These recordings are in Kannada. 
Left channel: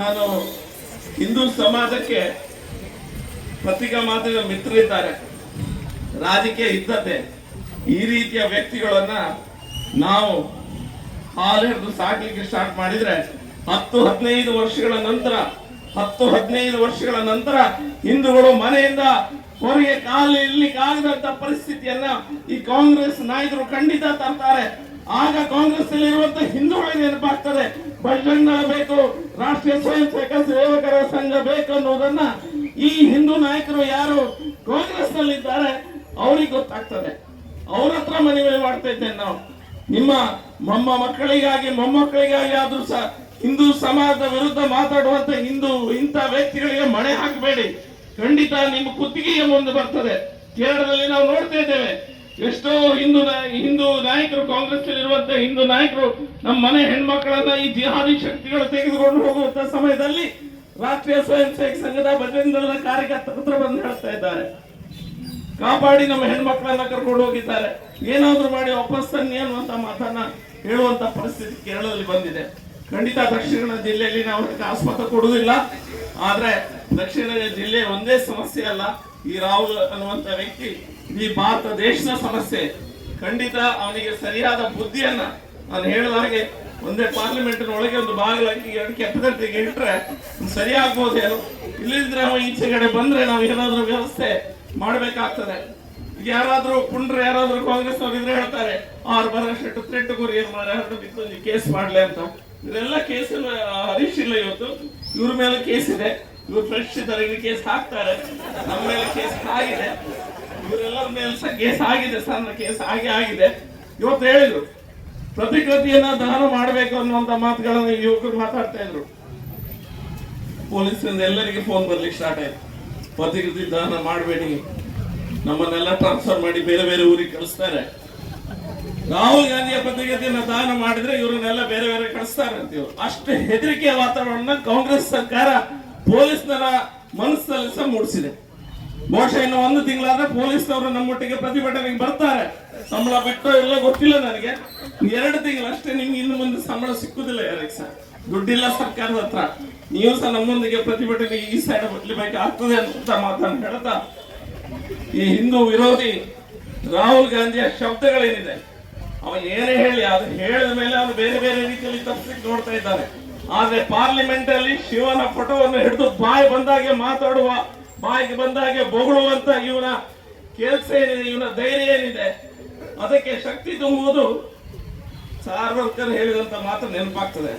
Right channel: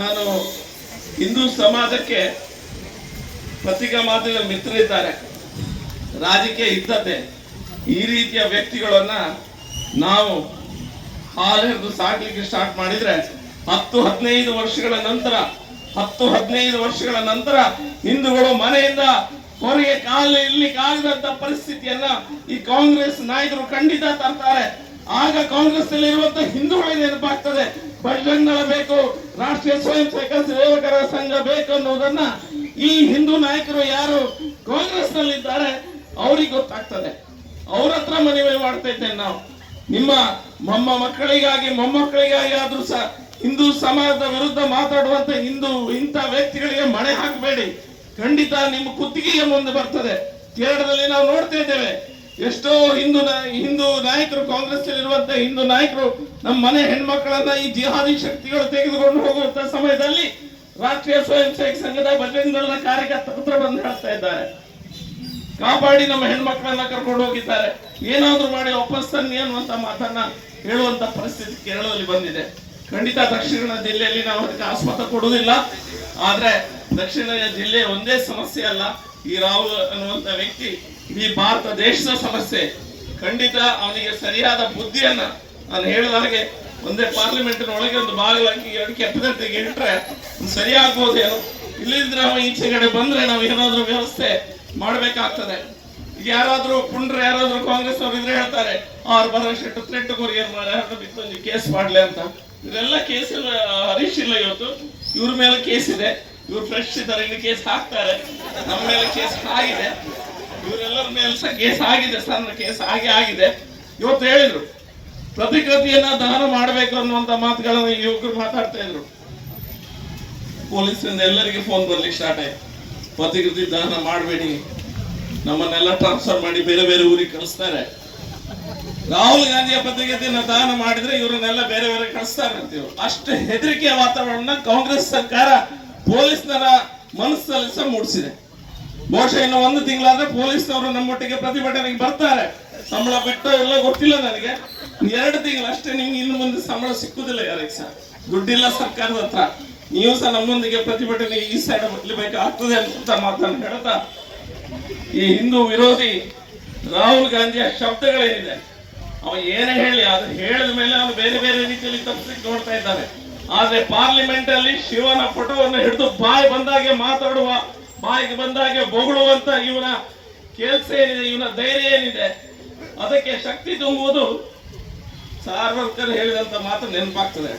ನಾನು ಹಿಂದೂ ಸಮಾಜಕ್ಕೆ ಪತ್ರಿಕಾ ಮಾಧ್ಯಮ ಮಿತ್ರರಿದ್ದಾರೆ. ರಾಜಕೀಯ ಇದ್ದತೆ ಈ ರೀತಿಯ ವ್ಯಕ್ತಿಗಳನ್ನ ನಾವು ಹಾಲೆರೆದು ಸಾಕಲಿಕ್ಕೆ ಸ್ಟಾರ್ಟ್ ಮಾಡಿದ್ರೆ ಹತ್ತು ಹದಿನೈದು ವರ್ಷಗಳ ನಂತರ, ಹತ್ತು ಹದಿನೈದು ವರ್ಷಗಳ ನಂತರ ಹಿಂದೂಗಳು ಮನೆಯಿಂದ ಹೊರಗೆ ಇಲ್ಲಿ ಕಾಲಿದಂತ ಪರಿಸ್ಥಿತಿಯನ್ನ ಈ ಕಾಂಗ್ರೆಸ್ ನಾಯಕರು ಖಂಡಿತ ತರ್ತಾರೆ. ಆಗ ಕಾಂಗ್ರೆಸ್ ಅಲ್ಲಿ ಇರುವಂತ ಹಿಂದೂಗಳಿಗೆ ನೆನಪಾಗ್ತದೆ ಬಜರಂಗಳ ಬೇಕು, ರಾಷ್ಟ್ರೀಯ ಸ್ವಯಂ ಸೇವಕ ಸೇವಕರ ಸಂಘ ಬೇಕು ಅನ್ನೋದನ್ನ ಈ ಹಿಂದೂ ನಾಯಕರು ಯಾರು ಕಾಂಗ್ರೆಸ್ನಲ್ಲಿ ಇದ್ದಾರೆ ಅವ್ರಿಗೆ ಗೊತ್ತಾಗ್ತದೆ. ಅವ್ರ ಹತ್ರ ಮನವಿ ಮಾಡ್ತಾ ಇದ್ದೇನೆ ನಾವು. ನಿಮ್ಮ ಮೊಮ್ಮ ಮಕ್ಕಳಿಗಾಗಿ, ಮೊಮ್ಮಕ್ಕಳಿಗಾಗಿ ಆದ್ರೂ ಸಹ ಹಿಂದೂ ಸಮಾಜದ ವಿರುದ್ಧ ಮಾತಾಡುವಂತ ಹಿಂದೂ ಇಂಥ ವ್ಯಕ್ತಿಗಳಿಗೆ ಮಣೆ ಹಾಕಬೇಡಿ. ಖಂಡಿತ ನಿಮ್ಮ ಕುತ್ತಿಗೆಯ ಮುಂದೆ ಬರ್ತದೆ. ಕೇರಳದಲ್ಲಿ ನಾವು ನೋಡ್ತಾ ಇದ್ದೇವೆ. ಎಷ್ಟೋ ಹಿಂದೂ ಹಿಂದೂ ನಾಯಕರು ಕಾಂಗ್ರೆಸ್ ಇರುವಂತ ಹಿಂದೂ ನಾಯಕರು ನಮ್ಮ ಮನೆ ಹೆಣ್ಮಕ್ಕಳನ್ನ ಈ ಜಿಹಾದಿ ಶಕ್ತಿಗಳು ತೆಗೆದುಕೊಂಡು ಹೋಗುವಂತ ಸಮಯದಲ್ಲಿ ರಾಷ್ಟ್ರೀಯ ಸ್ವಯಂ ಸೇವಕ ಸಂಘದ ಬಜರಂಗ ಕಾರ್ಯಕರ್ತರ ಬಂದು ಹೇಳ್ತಾ ಇದ್ದಾರೆ. ಕಾಪಾಡಿ ನಮ್ಮ ಹೆಣ್ಮಕ್ಳನ್ನ ಕರ್ಕೊಂಡು ಹೋಗಿದ್ದಾರೆ. ಏನಾದ್ರೂ ಮಾಡಿ ವಾಪಸ್ ತನ್ನಿ ಅನ್ನುವಂತ ಮಾತನ್ನ ಹೇಳುವಂತ ಪರಿಸ್ಥಿತಿ ಕೇರಳದಲ್ಲಿ ಬಂದಿದೆ. ಖಂಡಿತ ದಕ್ಷಿಣ ಜಿಲ್ಲೆಯಲ್ಲಿ ನಾವು ಅದಕ್ಕೆ ಆಸ್ಪದ ಕೊಡುವುದಿಲ್ಲ. ಆದ್ರೆ ದಕ್ಷಿಣ ಜಿಲ್ಲೆ ಒಂದೇ ಸಮಸ್ಯೆ ಅಲ್ಲ. ಈ ರಾಹುಲ್ ಅನ್ನುವಂತ ವ್ಯಕ್ತಿ ಈ ಭಾರತ ದೇಶದ ಸಮಸ್ಯೆ. ಖಂಡಿತ ಅವನಿಗೆ ಸರಿಯಾದ ಬುದ್ಧಿಯನ್ನ ನಾನು ಹೇಳಿದ ಹಾಗೆ ಒಂದೇ ಪಾರ್ಲಿಮೆಂಟ್ ಒಳಗೆ ಒಂದು ಬಾಗಿಲಾಕಿ ಅದಕ್ಕೆ ಗಂಟೆಗೆ ಇಟ್ಟರೆ ಸರಿಯಾಗ್ಬೋದೇನೋ ಇಲ್ಲಿದ್ರೆ ಈಚೆ ಕಡೆ ಬಂದ್ರೆ ನಾವು ಏನಾದ್ರೂ ವ್ಯವಸ್ಥೆ ಮಾಡಬೇಕಾಗ್ತದೆ. ಯಾರಾದ್ರೂ ಯಾರಾದರೂ ಯಾರಾದ್ರೂ ಕಾಂಗ್ರೆಸ್ ಅವ್ರು ಇದ್ರೆ ಹೇಳ್ತಾರೆ, ಆರ್ ಬರ ಶೆಟ್ಟು ತ್ರೆಟ್ಟು ಯಾರಾದ್ರೂ ಬಿತ್ತು ಕೇಸ್ ಮಾಡ್ಲಿ ಅಂತ. ಇದೆಲ್ಲ ಕೇಸ್ ಹರೀಶ್ ಇಲ್ಲ ಇವತ್ತು. ಇವ್ರ ಮೇಲೆ ಕೇಸ್ ಇದೆ. ಇವ್ರು ಫ್ರೆಶ್ ಇದ್ದಾರೆ ಇನ್ನು ಕೇಸ್ ಹಾಕ್ತಾರೆ. ನಮ್ಮ ಮೇಲೆ ಕೇಸ್ ಆಗಿದೆ. ಇವರೆಲ್ಲರ ಮೇಲೆ ಸಹ ಕೇಸ್ ಆಗಿದೆ ಸಣ್ಣ ಕೇಸ್ ಆಗಿ ಆಗಿದೆ. ಇವತ್ತು ಹೇಳಿದ್ರು, ಪ್ರತಿಕೃತಿಯನ್ನ ದಾನ ಮಾಡಬೇಕು ಅನ್ನುವಂತ ಮಾತುಗಳನ್ನು ಯುವಕರು ಮಾತಾಡ್ತಾ ಇದ್ರು. ಪೊಲೀಸರಿಂದ ಎಲ್ಲರಿಗೆ ಫೋನ್ ಬರ್ಲಿಕ್ಕೆ ಸ್ಟಾರ್ಟ್ ಆಯ್ತು. ಪ್ರತಿಕೃತಿ ದಾನ ಮಾಡಬೇಡಿ. ನಮ್ಮನ್ನೆಲ್ಲ ಟ್ರಾನ್ಸ್ಫರ್ ಮಾಡಿ ಬೇರೆ ಬೇರೆ ಊರಿಗೆ ಕಳಿಸ್ತಾರೆ. ರಾಹುಲ್ ಗಾಂಧಿಯ ಪ್ರತಿಗತಿಯನ್ನು ದಾನ ಮಾಡಿದ್ರೆ ಇವರನ್ನೆಲ್ಲ ಬೇರೆ ಬೇರೆ ಕಳಿಸ್ತಾರೆ ಅಂತ ಇವ್ರು ಅಷ್ಟು ಹೆದರಿಕೆಯ ವಾತಾವರಣ ಕಾಂಗ್ರೆಸ್ ಸರ್ಕಾರ ಪೊಲೀಸ್ನರ ಮನಸ್ಸಲ್ಲಿ ಸಹ ಮೂಡಿಸಿದೆ. ಬಹುಶಃ ಇನ್ನು ಒಂದು ತಿಂಗಳಾದ್ರೆ ಪೊಲೀಸ್ನವರು ನಮ್ಮೊಟ್ಟಿಗೆ ಪ್ರತಿಭಟನೆಗೆ ಬರ್ತಾರೆ. ಸಂಬಳ ಬಿಟ್ಟು ಎಲ್ಲ ಗೊತ್ತಿಲ್ಲ ನನಗೆ. ಎರಡು ತಿಂಗಳು ಅಷ್ಟೇ ನಿಮ್ಗೆ ಇನ್ನು ಮುಂದೆ ಸಂಬಳ ಸಿಕ್ಕುದಿಲ್ಲ ಯಾರಿಗೆ ಸಹ ದುಡ್ಡಿಲ್ಲ ಸರ್ಕಾರದ ಹತ್ರ. ನೀವು ಸಹ ನಮ್ಮೊಂದಿಗೆ ಪ್ರತಿಭಟನೆ ಈ ಸೈಡ್ ಆಗ್ತದೆ ಅಂತ ಮಾತನ್ನು ಹೇಳ್ತಾ. ಈ ಹಿಂದೂ ವಿರೋಧಿ ರಾಹುಲ್ ಗಾಂಧಿಯ ಶಬ್ದಗಳೇನಿದೆ? ಅವ ಏನೇ ಹೇಳಿ, ಅದು ಹೇಳಿದ ಮೇಲೆ ಅವನು ಬೇರೆ ಬೇರೆ ರೀತಿಯಲ್ಲಿ ತಪ್ಪಿಸಕ್ಕೆ ನೋಡ್ತಾ ಇದ್ದಾನೆ ಆದ್ರೆ ಪಾರ್ಲಿಮೆಂಟ್ ಅಲ್ಲಿ ಶಿವನ ಪಟುವನ್ನು ಹಿಡಿದು ಬಾಯಿ ಬಂದಾಗೆ ಮಾತಾಡುವ, ಬಾಯಿಗೆ ಬಂದಾಗೆ ಬೊಗಳುವಂತ ಇವನ ಕೆಲಸ ಏನಿದೆ, ಇವನ ಧೈರ್ಯ ಏನಿದೆ, ಅದಕ್ಕೆ ಶಕ್ತಿ ತುಂಬುವುದು ಸಾರ್ವರ್ಕರ್ ಹೇಳಿದಂತ ಮಾತು ನೆನಪಾಗ್ತದೆ.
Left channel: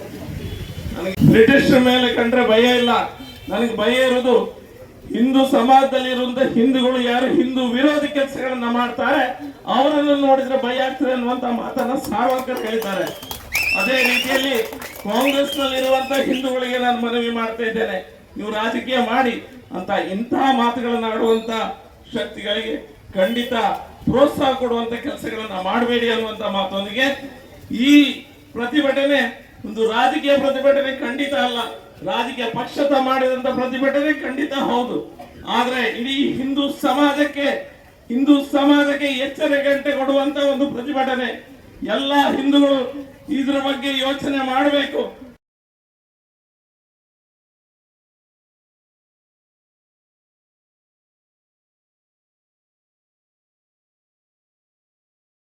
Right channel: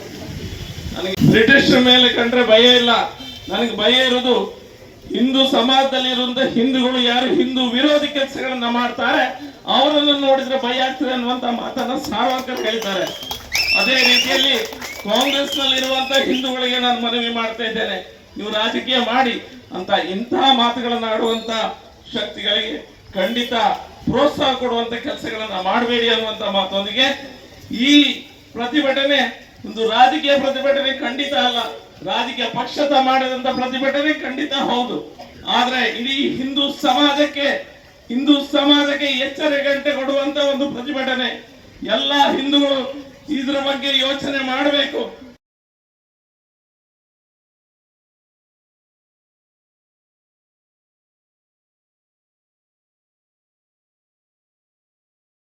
ನನಗೆ ಬ್ರಿಟಿಷ್ ಮೇಲೆ ಕಂಡ್ರೆ ಭಯ ಇಲ್ಲ. ನನಗೆ ಭಯ ಇರುವುದು ಹಿಂದೂ ಸಮಾಜದಲ್ಲಿ ಇರುವಂತ ಹಿಂದೂಗಳು ಯಾರು ಹಿಂದೂ ವಿರೋಧಿ ಕೆಲಸಗಳನ್ನ ಮಾಡ್ತಾರೆ, ಅವರನ್ನು ನೋಡಿದ್ರೆ ಭಯ ಆಗ್ತದೆ ಅನ್ನುವಂತ ಮಾತನ್ನ ಸಾರ್ವರ್ಕರ್ ಹೇಳಿದ್ದಾರೆ. ಅದೇ ರೀತಿಯಲ್ಲಿ ಕಾಂಗ್ರೆಸ್ನಲ್ಲಿ ಇರುವಂತ ಹಿಂದೂಗಳಿಗೆ ನಾನು ಮನವಿ ಮಾಡ್ತಾ ಇದ್ದೇನೆ. ನೀವು ರಾಜಕೀಯ ಮಾಡಿ ಅಂತ ಇಂತಹ ಮಾತುಗಳನ್ನು ಆಡುವಂತ ಶಕ್ತಿಗಳಿಗೆ ಖಂಡಿತ ಪ್ರೋತ್ಸಾಹ ಕೊಡುವಂತ ಕೆಲಸಗಳನ್ನ ಮಾಡಬೇಡಿ ಅನ್ನುವಂತ ಮಾತೊಂದಿಗೆ ಈ ಪ್ರತಿಭಟನೆ ಒಂದು ರಾಜಕೀಯ ಪ್ರತಿಭಟನೆ ಖಂಡಿತ ಅಲ್ಲ. ರಾಜಕೀಯ ಪಕ್ಷದ ಮಾಡಿದಂತ ಪ್ರತಿಭಟನೆ ಖಂಡಿತ ಹೌದು. ಆದ್ರೆ ಇಡೀ ಹಿಂದೂ ಸಮಾಜಕ್ಕೆ ಹಿಂದೂ ಸಮಾಜಕ್ಕೆ ಎಚ್ಚರಿಕೆ ಗಂಟೆ ಕೊಡುವಂತ ಒಂದು ಪ್ರತಿಭಟನೆ ಎಲ್ಲ ಹಿಂದೂಗಳು ಇದ್ರ ಬಗ್ಗೆ ಯೋಚನೆ ಮಾಡಬೇಕು.